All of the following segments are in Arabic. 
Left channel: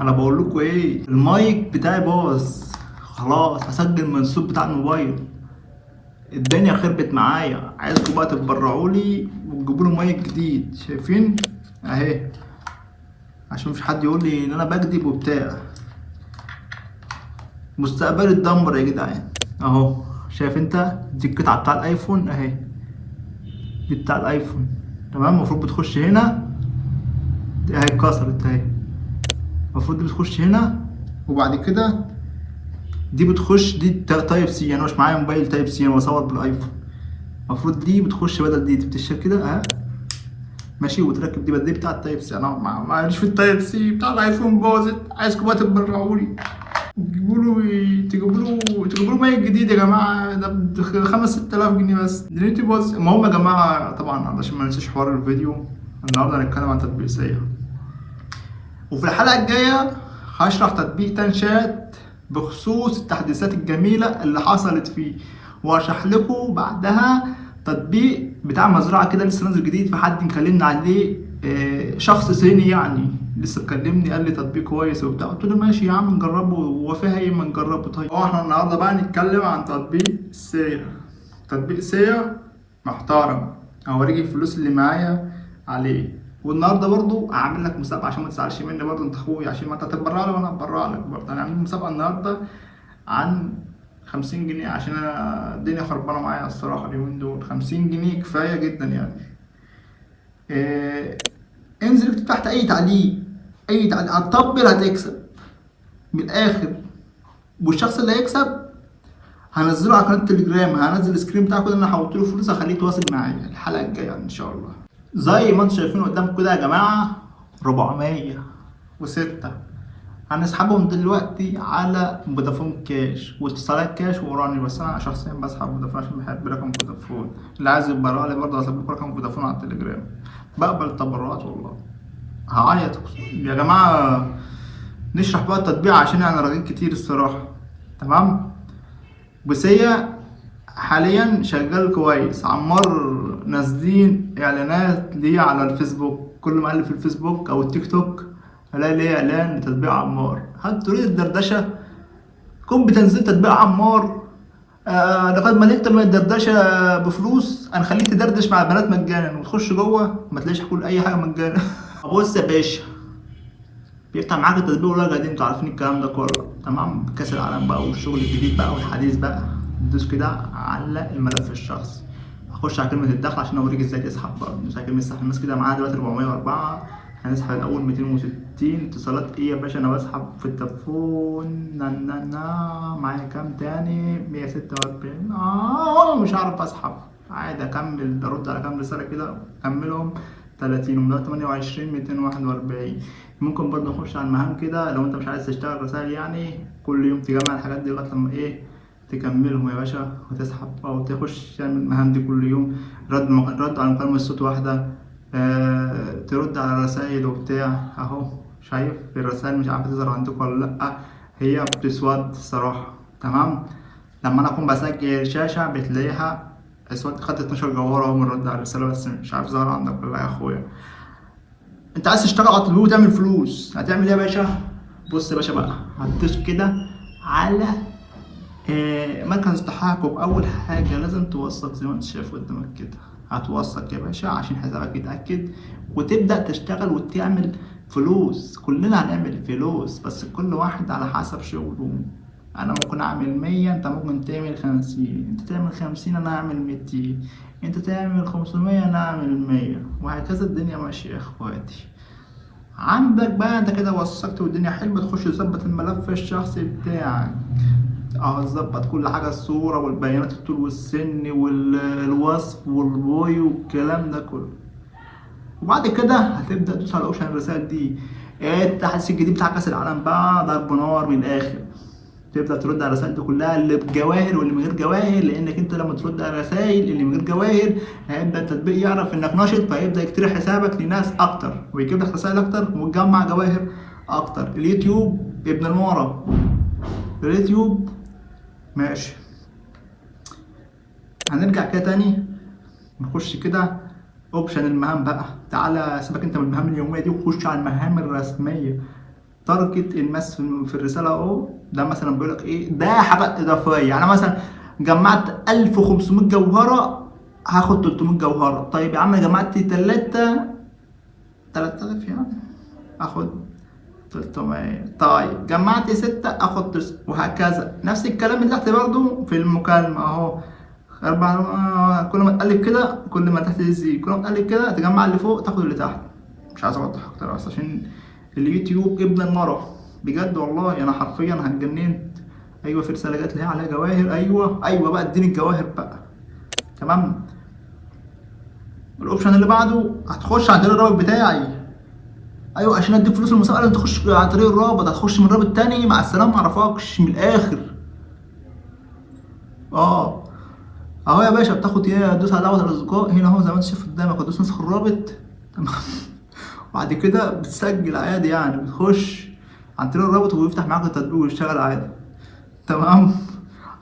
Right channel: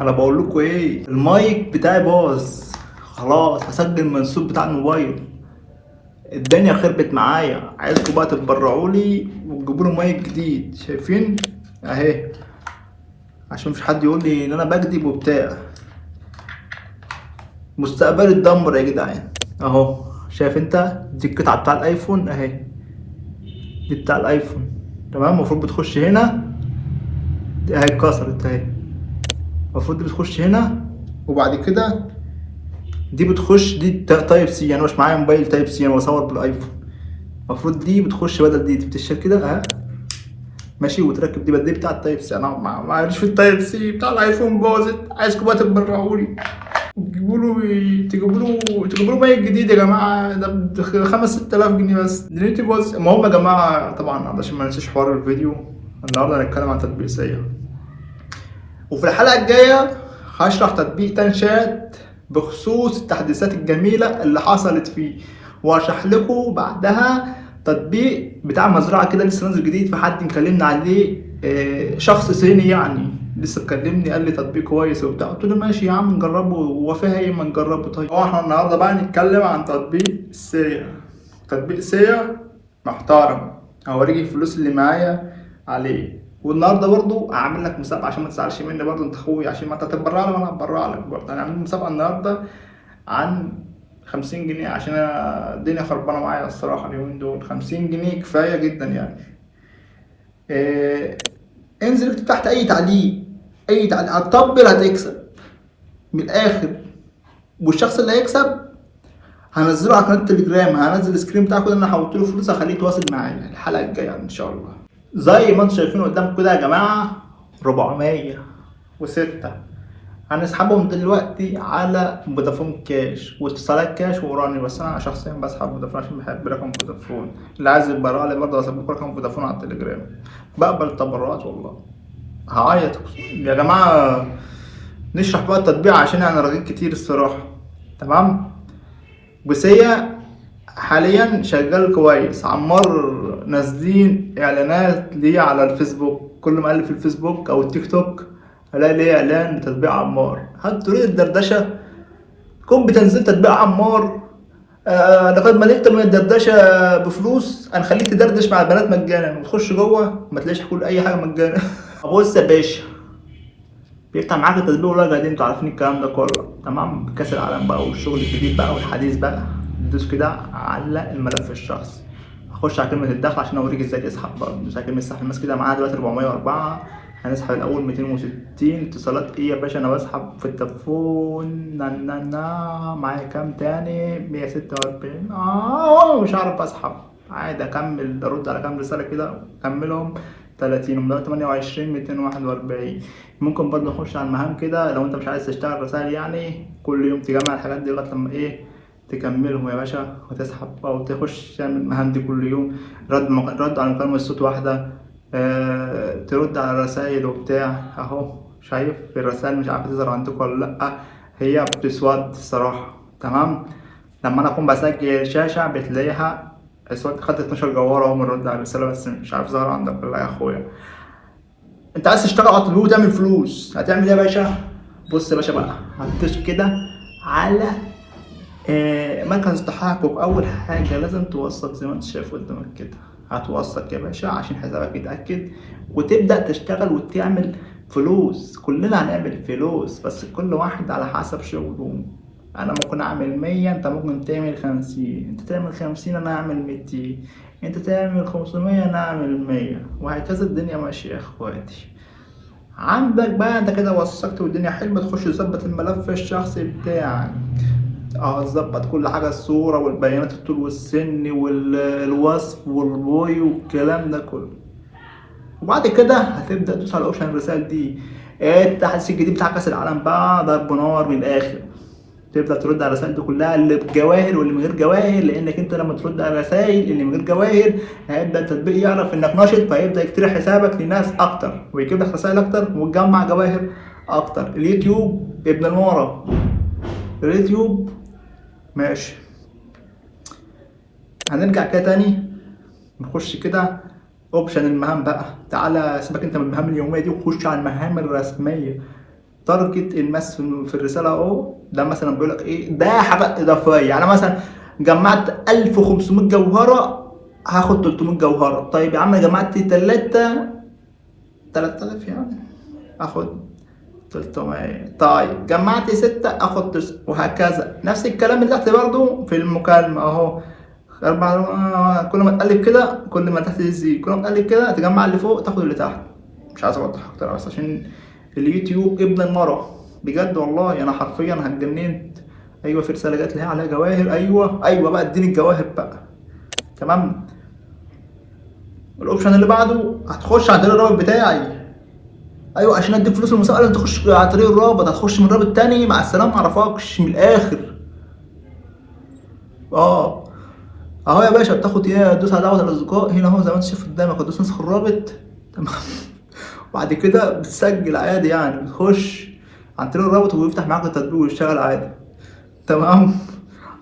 انا بقول لكم ايه، المايك بتاعي باظ خلاص. هسجل من الصوت بتاع الموبايل. الدنيا خربت معايا. عايزكم بقى تتبرعوا لي وتجيبوا لي مايك جديد. شايفين اهي، عشان مش حد يقول لي ان انا بكذب وبتاع. مستقبلي اتدمر يا جدعان. اهو شايف انت، دي القطعه بتاع الايفون اهي. دي بتاع الايفون. تمام. المفروض بتخش هنا. دي اهي اتكسرت اهي. المفروض دي بتخش هنا، وبعد كده دي بتخش. دي تايب سي. انا مش معايا موبايل تايب سي، انا بصور بالايفون. المفروض دي بتخش بدل دي بتشيل كده اهي. ماشي. وتركب دي بدل دي بتاع التايب سي. انا معلش في التايب سي بتاع الايفون باظت. عايزكم بقى تتبرعوا لي، تجيبوا له مايك جديد يا جماعه. ده ب 5 6000 جنيه بس. دنيتي باظت. المهم يا جماعه، طبعا علشان ما ننساش حوار الفيديو، النهارده هنتكلم عن تطبيق سيا. وفي الحلقه الجايه هشرح تطبيق تنشات بخصوص التحديثات الجميله اللي حصلت فيه. وهشرح لكم بعدها تطبيق بتاع مزرعه كده لسه نازل جديد. في حد مكلمنا عليه، شخص صيني يعني، لسه مكلمني قال لي تطبيق كويس وبتاع. قلت له ماشي يا عم نجربه، هو فيها ايه ما نجربه. طيب احنا النهارده بقى نتكلم عن تطبيق سيا. تطبيق سيا محترم. هوريك الفلوس اللي معايا عليه. والنهارده برضو هعمل لك مسابقه عشان ما تزعلش مني برضو، انت اخويا، عشان ما انت هتتبرع لي وانا هتبرع لك برضو. هنعمل مسابقه النهارده عن 50 جنيه، عشان أنا الدنيا خربانه معايا الصراحه اليومين دول. 50 جنيه كفايه جدا يعني. إيه، انزل اكتب تحت اي تعليق. اي تعليق هتطبل هتكسب من الاخر. والشخص اللي هيكسب هنزله على قناه التليجرام. هنزل السكرين بتاعه كده، انا حولت له فلوس، هخليه يتواصل معايا الحلقه الجايه ان شاء الله. زي ما انتم شايفين قدامكم كده يا جماعه، 406 هنسحبهم دلوقتي على فودافون كاش واتصالات كاش واوراني. بس انا شخصيا بسحب فودافون عشان بحب رقم فودافون. اللي عايز يتبرع لي برضه هسيب لكم رقم فودافون على التليجرام. بقبل التبرعات والله. هعيط يا جماعه. نشرح بقى التطبيق عشان انا رغيت كتير الصراحه. تمام. بس هي حاليا شغال كويس. عمار نازلين اعلانات ليه على الفيسبوك. كل ما اقلب في الفيسبوك او التيك توك الاقي ليه اعلان لتطبيق عمار. هل تريد الدردشه؟ قم بتنزيل تطبيق عمار. لقد ملكت من الدردشه بفلوس. هنخليك تدردش مع البنات مجانا، وتخش جوه ما تلاقيش كل اي حاجه مجانا. بص يا باشا، بيفتح معاك التطبيق ولا قاعدين انتوا عارفين الكلام ده كله. تمام. كاس العالم بقى والشغل الجديد بقى والحديث بقى. تدوس كده على الملف الشخصي. هخش على كلمة الدخل عشان اوريك ازاي تسحب برضه. ندوس على كلمة السحب. الناس كده معاها دلوقتي 404. هنسحب الاول 260 اتصالات. ايه يا باشا، انا بسحب في التليفون. معايا كام تاني؟ 146. مش عارف اسحب. عادي اكمل ارد على كام رسالة كده اكملهم. 30 ومن 28 241. ممكن برضه نخش على المهام كده لو انت مش عايز تشتغل رسائل يعني. كل يوم تجمع الحاجات دي لغايه لما ايه تكملهم يا باشا وتسحب او تخش تعمل المهام دي كل يوم. رد على مكالمة الصوت واحدة. ترد على الرسائل وبتاع. اهو شايف الرسائل مش عارفة تظهر عندكم ولا لأ. هي بتسود الصراحة. تمام. لما انا اكون بسجل الشاشة بتلاقيها اسود. خدت 12 جوهرة اهو بنرد على الرسالة، بس مش عارف ظهر عندك ولا لا يا اخويا. انت عايز تشتغل على التطبيق وتعمل فلوس، هتعمل ايه يا باشا؟ بص يا باشا بقى، هتدوس كده على مركز التحقق. اول حاجه لازم توثق زي ما انت شايف قدامك كده. هتوثق يا باشا عشان حسابك يتاكد، وتبدا تشتغل وتعمل فلوس. كلنا هنعمل فلوس بس كل واحد على حسب شغله. انا ممكن اعمل 100، انت ممكن تعمل 50. انت تعمل 50 انا اعمل 200. انت تعمل 500 انا اعمل 100، وهكذا. الدنيا ماشيه يا اخواتي. عندك بقى انت كده وثقت والدنيا حلوه، تخش تظبط الملف الشخصي بتاعك. اه ظبط كل حاجه، الصوره والبيانات، الطول والسن والوصف والبوي والكلام ده كله. وبعد كده هتبدا تدوس على اوبشن الرسائل دي. التحديث الجديد بتاع كاس العالم بقى ضرب نار من الاخر. تبدا ترد على الرسائل دي كلها، اللي بجواهر واللي من غير جواهر. لانك انت لما ترد على الرسائل اللي من غير جواهر هيبدا التطبيق يعرف انك ناشط، فهيبدا يقترح حسابك لناس اكتر ويجيب لك رسائل اكتر وتجمع جواهر اكتر. اليوتيوب ابن المورا. اليوتيوب ماشي. هنرجع كده تاني، نخش كده اوبشن المهام بقى. تعالى سيبك انت من المهام اليوميه دي وخش على المهام الرسميه. تارجت الناس في الرساله اهو. ده مثلا بيقول لك ايه، ده حاجات اضافيه. يعني مثلا جمعت 1500 جوهره هاخد 300 جوهره. طيب يا عم جمعت 3000 يعني اخد 300. طيب جمعت 6 اخد 9 وهكذا. نفس الكلام اللي تحت برضو في المكالمة اهو. كل ما تقلب كده كل ما تحت يزيد، كل ما تقلب كده تجمع اللي فوق تاخد اللي تحت. مش عايز اوضح اكتر بس عشان اليوتيوب ابن المرة بجد والله. انا حرفيا هتجننت. ايوه في رسالة جات لي عليها جواهر. ايوه بقى اديني الجواهر بقى. تمام. الاوبشن اللي بعده هتخش عند الرابط بتاعي. ايوه عشان اديك فلوس المسابقه لازم تخش عن طريق الرابط. هتخش من رابط تاني مع السلامه معرفكش من الاخر. اه اهو يا باشا بتاخد ايه، تدوس على دعوه الاصدقاء هنا اهو زي ما انت شايف قدامك، هتدوس نسخ الرابط. تمام. وبعد كده بتسجل عادي يعني، بتخش عن طريق الرابط وبيفتح معاك التطبيق ويشتغل عادي. تمام.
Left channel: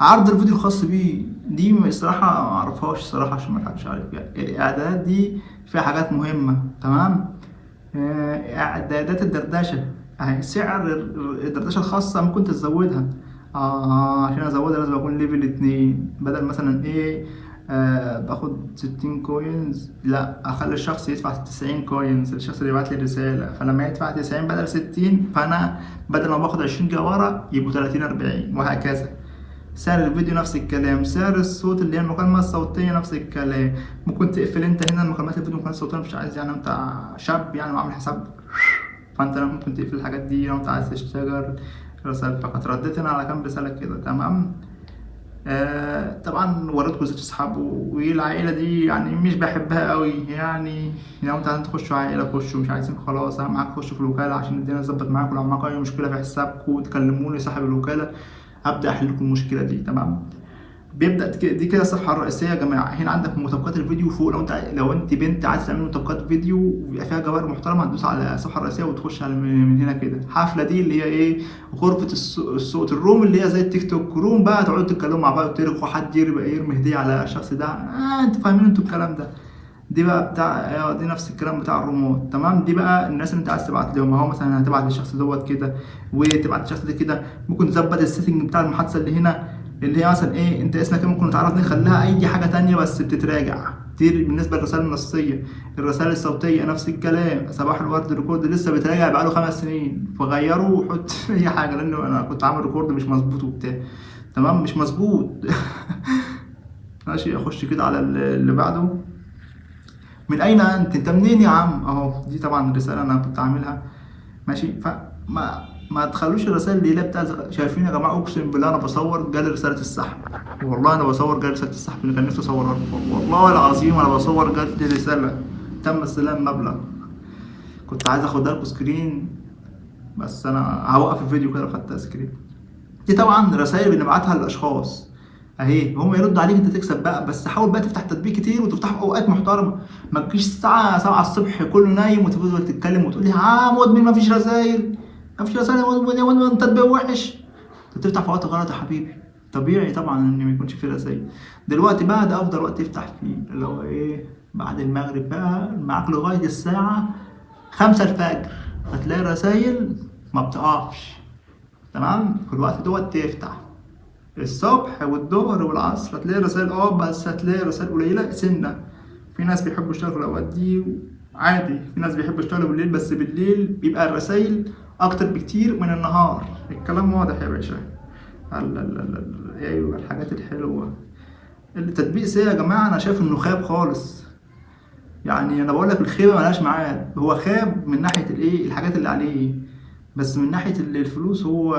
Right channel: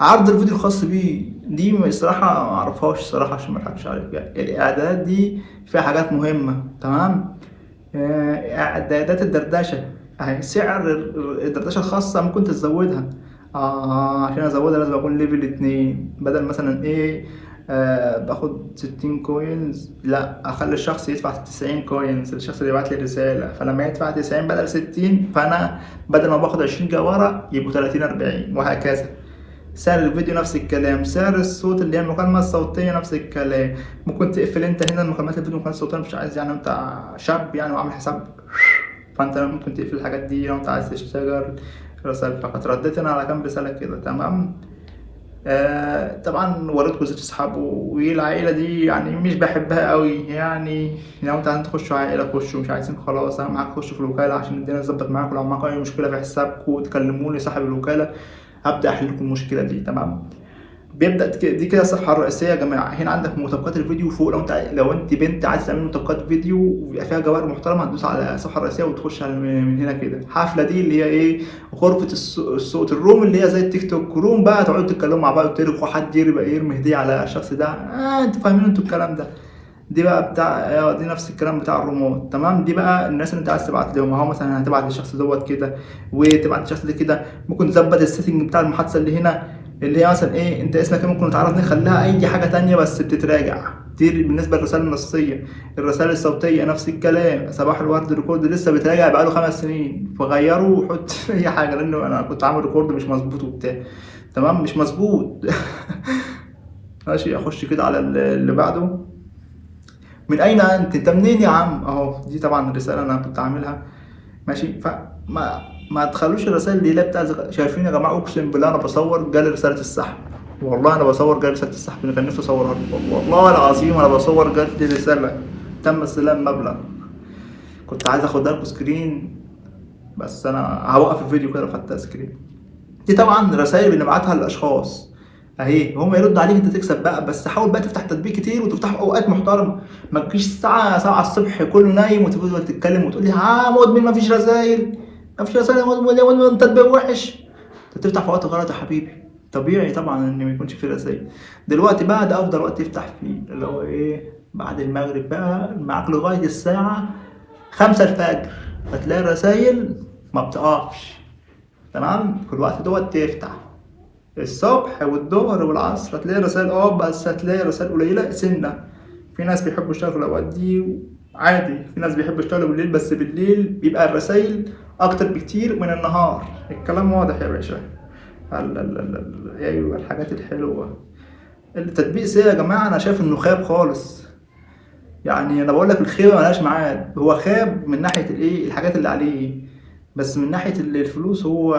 عرض الفيديو الخاص بيه دي الصراحة ما اعرفهاش الصراحة عشان ما اضحكش عليك. يعني الاعدادات دي فيها حاجات مهمة. تمام. اعدادات الدردشة اهي. سعر الدردشة الخاصة ممكن تزودها. عشان ازودها لازم اكون ليفل 2 بدل مثلا ايه باخد 60 كوينز، لا اخلي الشخص يدفع 90 كوينز، الشخص اللي يبعت لي رسالة. فلما يدفع 90 بدل 60 فانا بدل ما باخد 20 جوهرة يبقوا 30 40 وهكذا. سعر الفيديو نفس الكلام. سعر الصوت اللي هي المكالمة الصوتية نفس الكلام. ممكن تقفل انت هنا المكالمات الفيديو المكالمات الصوتية مش عايز يعني انت شاب يعني وعامل حساب، فانت ممكن تقفل الحاجات دي لو انت عايز تشتغل رسائل فقط. رديت انا على كام رسالة كده. تمام. طبعا وريتكم زيت اصحابه والعائلة دي يعني مش بحبها قوي يعني. لو انت عايزين تخشوا عائلة خشوا، مش عايزين خلاص اهم حاجة تخشوا في الوكالة عشان الدنيا تظبط معاكم. لو معاكم اي مشكلة في حسابكم تكلموني صاحب الوكالة هبدأ احل لكم المشكلة دي. تمام. بيبدا دي كده الصفحه الرئيسيه يا جماعه. هنا عندك مسابقات الفيديو فوق. لو انت بنت عايز تعمل مسابقات فيديو ويبقى فيها جوائر محترمه هتدوس على الصفحه الرئيسيه وتخش على من هنا كده. حفله دي اللي هي ايه، غرفه الصوت الروم اللي هي زي التيك توك روم بقى، تقعدوا تتكلموا مع بعض وترغوا حد يرمي هديه على الشخص ده. انتوا فاهمين انتوا الكلام ده. دي بقى بتاع دي نفس الكلام بتاع الريموت. تمام. دي بقى الناس اللي انت عايز تبعت لهم اهو. مثلا هتبعت للشخص دوت كده وتبعت للشخص ده كده. ممكن تظبط السيتنج بتاع المحادثه اللي هنا اللي هي مثلا ايه، انت اسمك ايه، ممكن نتعرض نخليها اي حاجه تانية بس بتتراجع. دي بالنسبه للرسائل النصيه. الرسائل الصوتيه نفس الكلام. صباح الورد ريكورد لسه بيتراجع بقاله 5 سنين، فغيروا وحط اي حاجه لانه انا كنت عامل ريكورد مش مظبوط وبتاع. تمام مش مظبوط. ماشي. اخش كده على اللي بعده. من اين انت منين يا عم اهو. دي طبعا الرساله انا كنت عاملها. ماشي. ما تخلوش الرسائل اللي هي بتاع شايفين يا جماعه اقسم بالله انا بصور جالي رساله السحب. والله انا بصور جالي رساله السحب اللي كان نفسي اصورها لكم. والله العظيم انا بصور جالي رساله تم استلام مبلغ. كنت عايز اخدها لكم سكرين بس انا هوقف الفيديو كده لو خدتها سكرين. دي طبعا رسائل بنبعتها للاشخاص اهي، هم يردوا عليك انت تكسب بقى. بس حاول بقى تفتح تطبيق كتير وتفتح في اوقات محترمه. ما تجيش الساعه 7 الصبح كله نايم وتفضل تتكلم وتقول لي مدمن ما فيش رسايل ما فيش رسايل يا مدمن يا مدمن تطبيق وحش. انت بتفتح في وقت غلط يا حبيبي. طبيعي طبعا ان ما يكونش في رسايل. دلوقتي بقى ده افضل وقت تفتح فيه اللي هو ايه، بعد المغرب بقى معاك لغايه الساعه 5 الفجر هتلاقي الرسايل ما بتقفش. تمام. في الوقت دوت تفتح الصبح والظهر والعصر هتلاقي رسائل بس هتلاقي رسائل قليلة سنة. في ناس بيحبوا يشتغلوا في الأوقات دي عادي، في ناس بيحبوا يشتغلوا بالليل بس بالليل بيبقى الرسائل أكتر بكتير من النهار. الكلام واضح يا باشا. أيوة الحاجات الحلوة. التطبيق سيء يا جماعة. أنا شايف إنه خاب خالص. يعني أنا بقول لك الخيبة ملهاش ميعاد. هو خاب من ناحية الإيه الحاجات اللي عليه، بس من ناحية الفلوس هو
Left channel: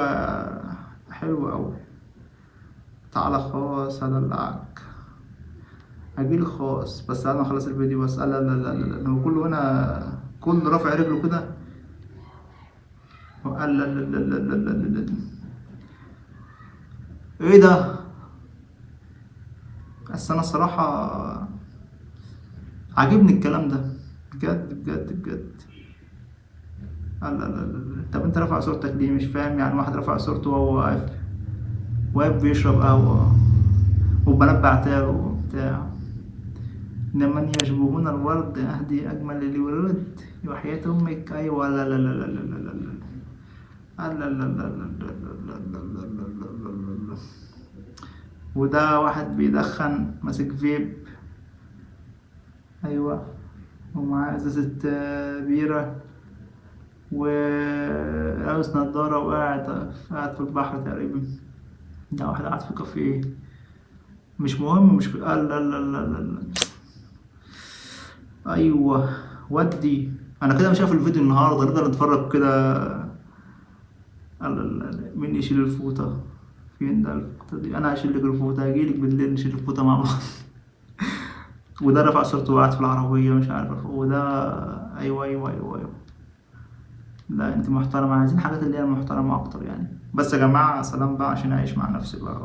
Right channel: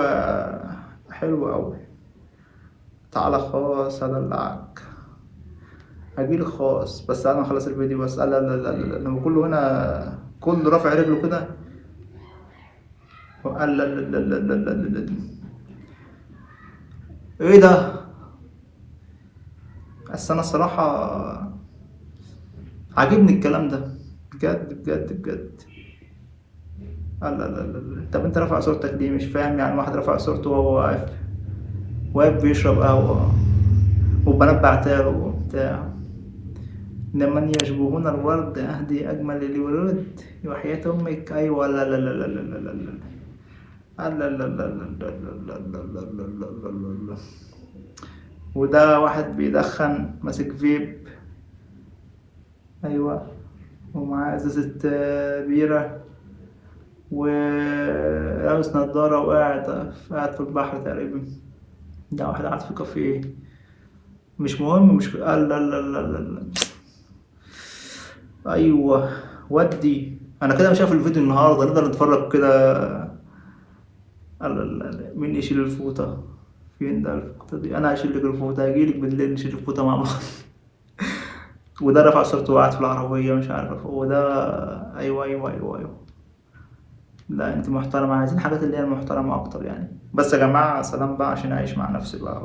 حلو أوي. تعالى خاص هدلعك. هجيلك خاص بس انا اخلص الفيديو بس. لا لا لا لا لا. لما كله هنا كله رافع رجله كده. قال لا لا لا لا لا لا لا لا. ايه ده. بس انا الصراحة عاجبني الكلام ده بجد بجد بجد. لا لا لا لا. طب انت رافع صورتك ليه مش فاهم؟ يعني واحد رافع صورته وهو واقف بيشرب قهوة والبنات بعتاله وبتاع. لمن يشبهون الورد أهدي أجمل الورود وحياة أمك. أيوة. لا لا لا لا لا لا لا لا. لا لا لا لا لا لا لا لا لا لا لا لا لا. وده واحد بيدخن ماسك فيب. ايوه. ومعاه ازازة بيرة، ولابس نضارة، وقاعد في البحر تقريبا. ده واحد قاعد في كافيه. مش مهم، مش لا لا لا لا لا لا. ايوه. ودي انا كده مش شايف الفيديو النهارده، نقدر نتفرج كده. لا لا لا. مين يشيل الفوطة؟ فين ده الفوطة دي؟ انا هشيل لك الفوطة، هجيلك بالليل نشيل الفوطة مع بعض. وده رفع صورته وقعد في العربية مش عارف هو ده. ايوه ايوه ايوه ايوه. لا انت محترمة، عايزين حاجات اللي هي المحترمة اكتر يعني. بس يا جماعة سلام بقى عشان اعيش مع نفسي بقى.